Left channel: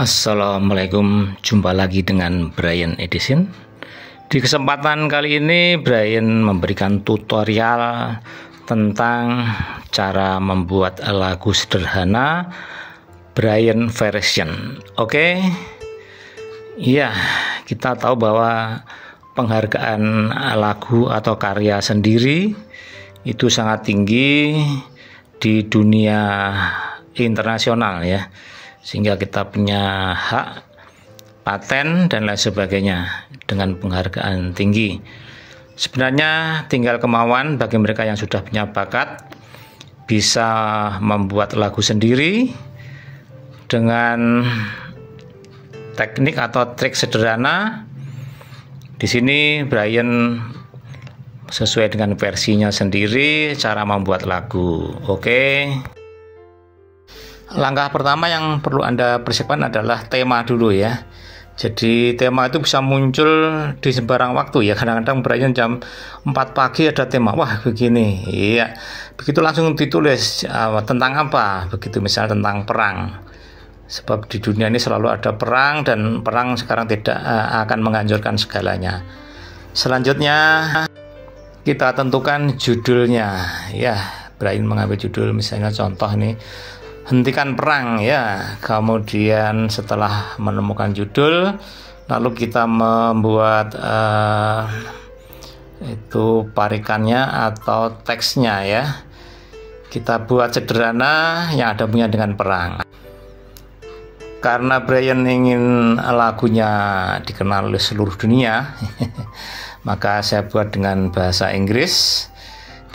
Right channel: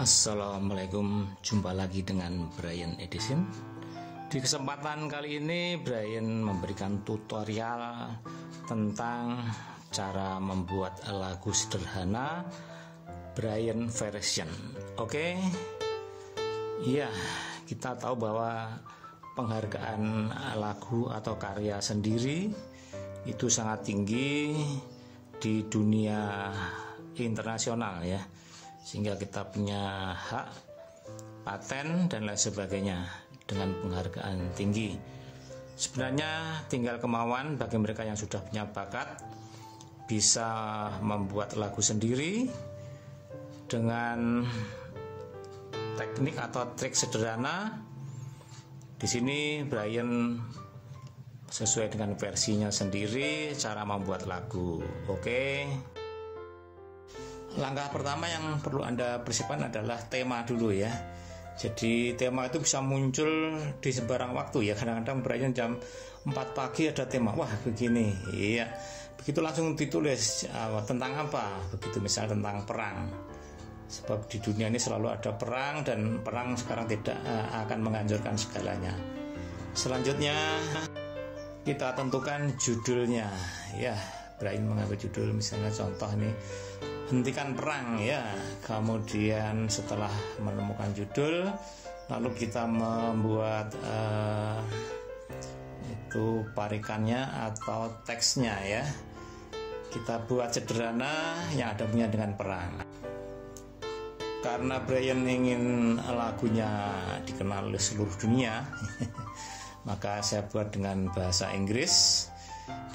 Assalamualaikum, jumpa lagi dengan Brian Edison. Di kesempatan kali ini Brian memberikan tutorial tentang cara membuat lagu sederhana Brian version. Oke. Iya, kita tahu bahwa penghargaan lagu atau karya sendiri itu sangat tinggi di dunia internasional ya, sehingga kita punya hak paten dan lain sebagainya dengan penghargaan tinggi. Sebenarnya tinggal kemauan bagi mereka yang sudah punya bakat bisa membuat lagu sendiri dengan teknik atau trik sederhana. Di sini Brian sesuai dengan versinya sendiri cara membuat lagu. Oke. Langkah pertama yang perlu Anda persiapkan adalah tema dulu ya. Jadi tema itu bisa muncul di sembarang waktu ya. Kadang-kadang Brian jam 4 pagi ada tema, wah begini. Iya. Begitu langsung ditulis tentang apa? Begitu misal tentang perang. Sebab di dunia ini selalu ada perang dan perang sekarang tidak akan menghancurkan segalanya. Selanjutnya kita tentukan judulnya ya. Brian mengambil judul misalnya contoh nih, hentikan perang ya. Kemudian setelah menemukan judul, lalu kita membuat itu parikannya atau teksnya ya. Kita buat sederhana yang ada hubungannya dengan perang. Karena Brian ingin lagunya dikenal oleh seluruh dunia, maka saya buat dengan bahasa Inggris,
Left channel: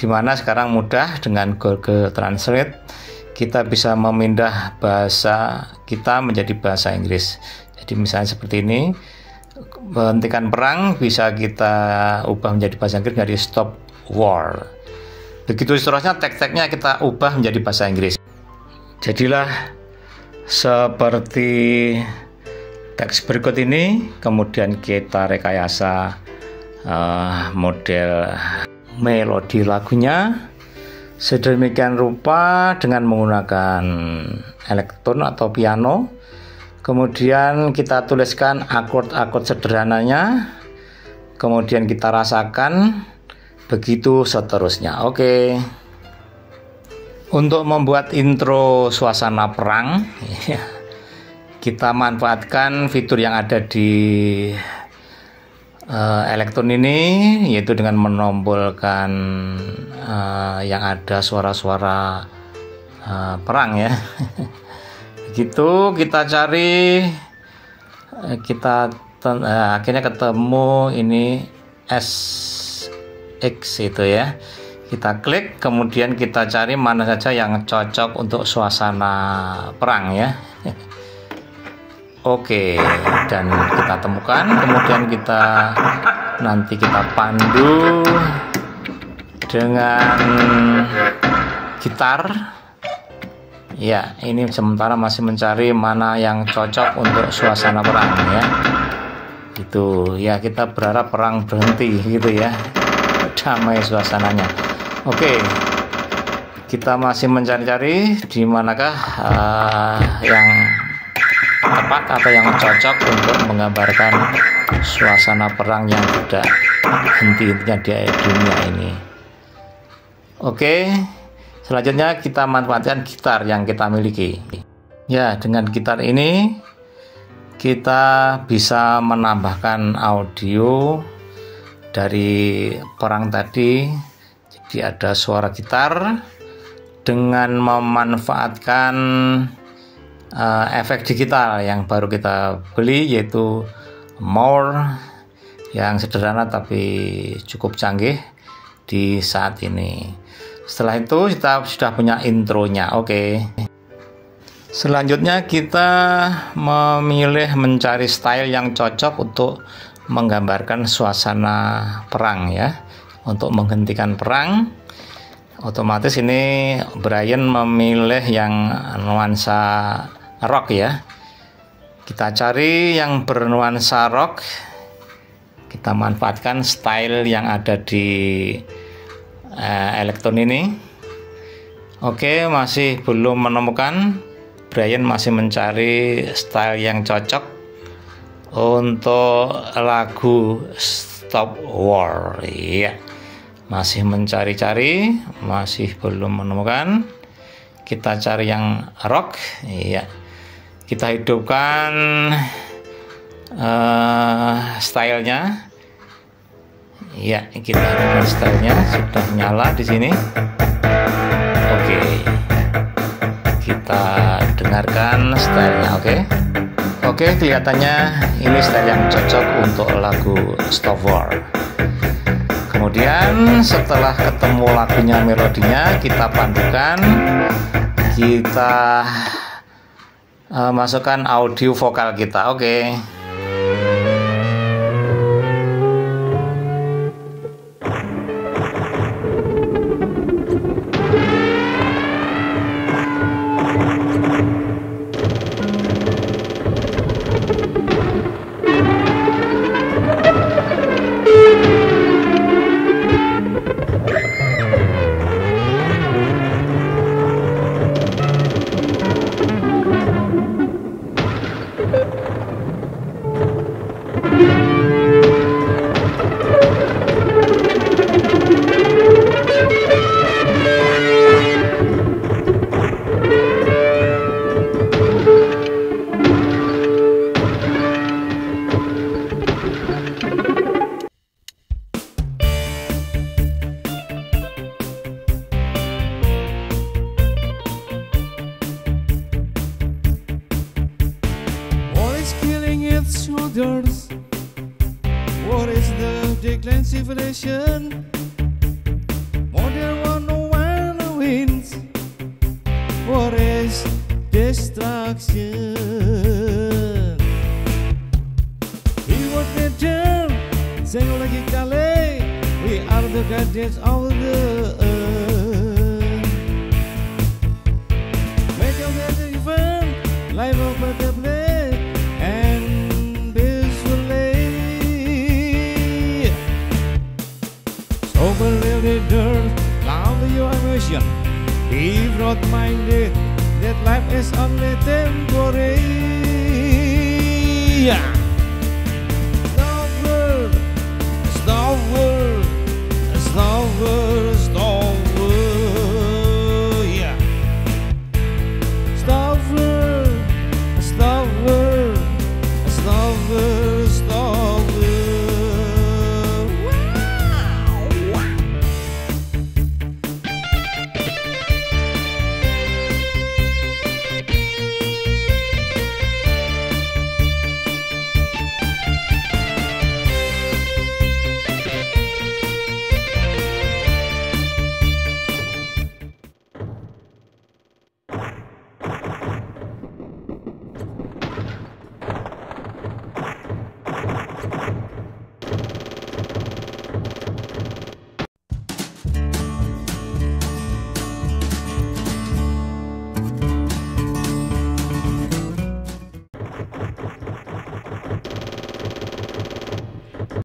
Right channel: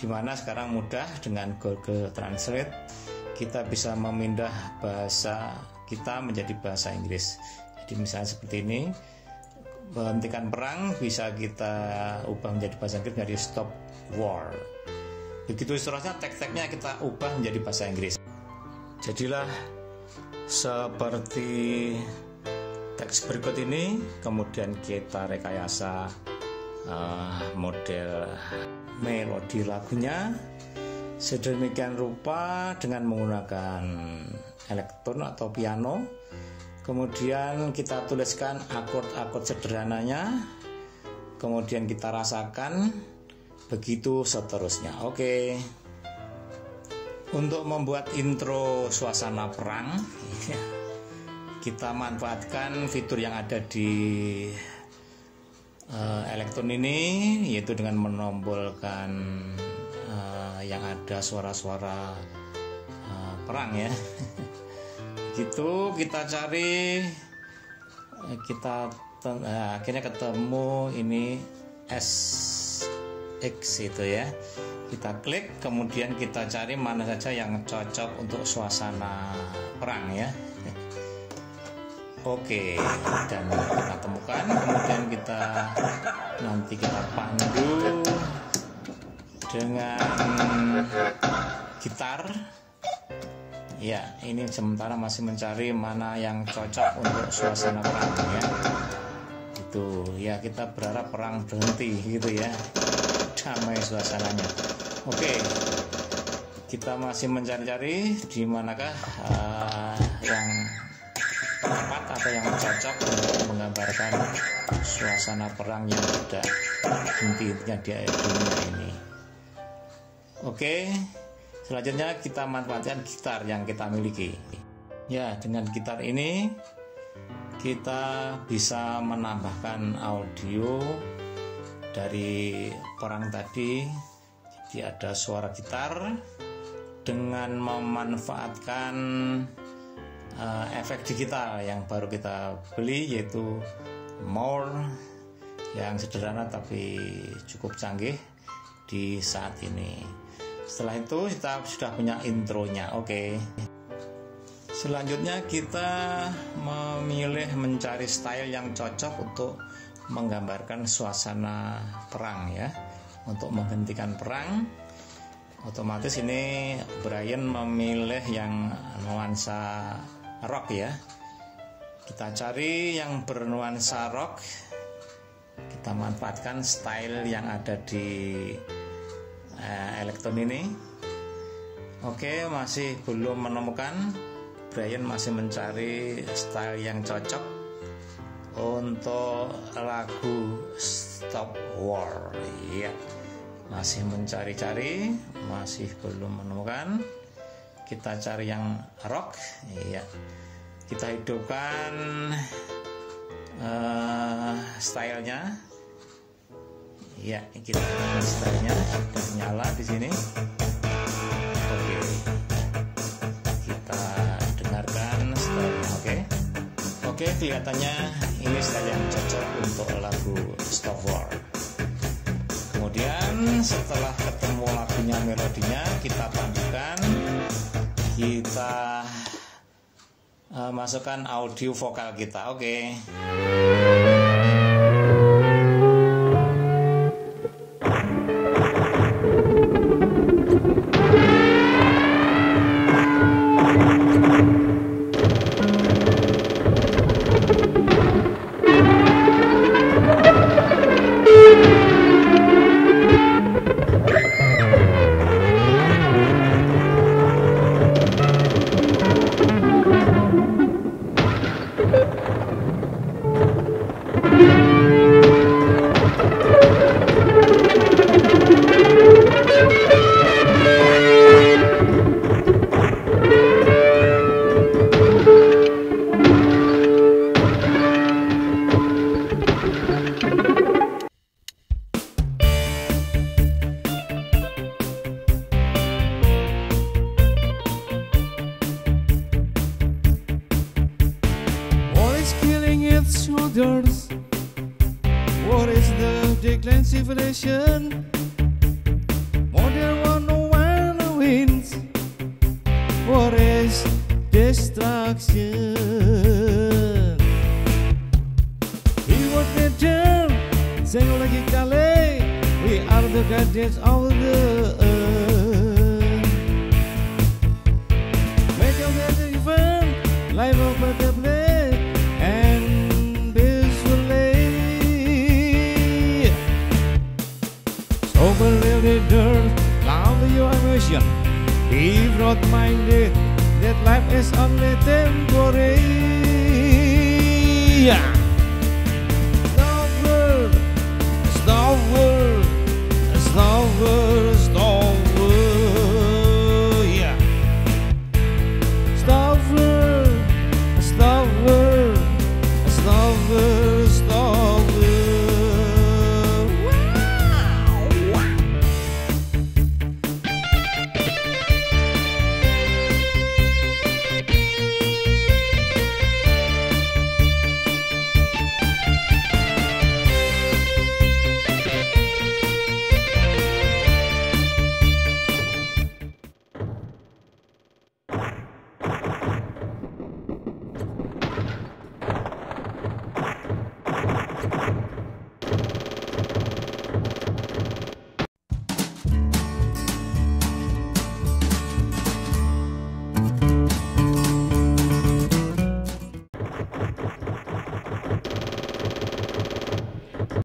di mana sekarang mudah dengan Google Translate kita bisa memindah bahasa kita menjadi bahasa Inggris. Jadi misalnya seperti ini, hentikan perang bisa kita ubah menjadi bahasa Inggris dari stop war. Begitu seterusnya teks-teksnya kita ubah menjadi bahasa Inggris. Jadilah seperti teks berikut ini, kemudian kita rekayasa model melodi lagunya sedemikian rupa dengan menggunakan elektron atau piano. Kemudian kita tuliskan akord-akord sederhananya, kemudian kita rasakan, begitu seterusnya. Oke. Untuk membuat intro suasana perang, kita manfaatkan fitur yang ada di elektron ini, yaitu dengan menombolkan yang ada suara-suara perang ya. Begitu kita cari, akhirnya ketemu ini SX itu ya. Kita klik, kemudian kita cari mana saja yang cocok untuk suasana perang ya. Oke, dan kita temukan, kemudian nanti kita pandu dengan gitar. Ya, ini sementara masih mencari mana yang cocok untuk suasana perang ya. Itu ya, kita berharap perang berhenti gitu ya. Damai suasananya. Oke, kita masih mencari-cari di manakah yang tepat atau yang cocok untuk menggambarkan suasana perang yang tidak henti-hentinya di dunia ini. Oke, selanjutnya kita manfaatkan gitar yang kita miliki. Ya, dengan gitar ini kita bisa menambahkan audio dari perang tadi. Jadi ada suara gitar dengan memanfaatkan efek digital yang baru kita beli, yaitu More, yang sederhana tapi cukup canggih di saat ini. Setelah itu kita sudah punya intronya. Oke. Selanjutnya kita memilih mencari style yang cocok untuk menggambarkan suasana perang ya. Untuk menghentikan perang, otomatis ini Brian memilih yang nuansa rock ya. Kita cari yang bernuansa rock, kita manfaatkan style yang ada di elektron ini. Oke, masih belum menemukan. Brian masih mencari style yang cocok untuk lagu Stop War. Iya, masih mencari-cari, masih belum menemukan. Kita cari yang rock. Iya, kita hidupkan stylenya. Iya, kita hidupkan stylenya, sudah nyala di sini. Oke, kita dengarkan stylenya. Oke, kelihatannya ini style yang cocok untuk lagu Stop War. Kemudian setelah ketemu lagunya, melodinya, kita pandukan, kita masukkan audio vokal kita. Oke. Shoulders. What is the decline civilization? Modern one no one wins. What is destruction? Reward return. Sayang lagi kali, we are the guardians of the earth. Make your bed even, life over the place. Love your emotion, be broad-minded, that life is only temporary.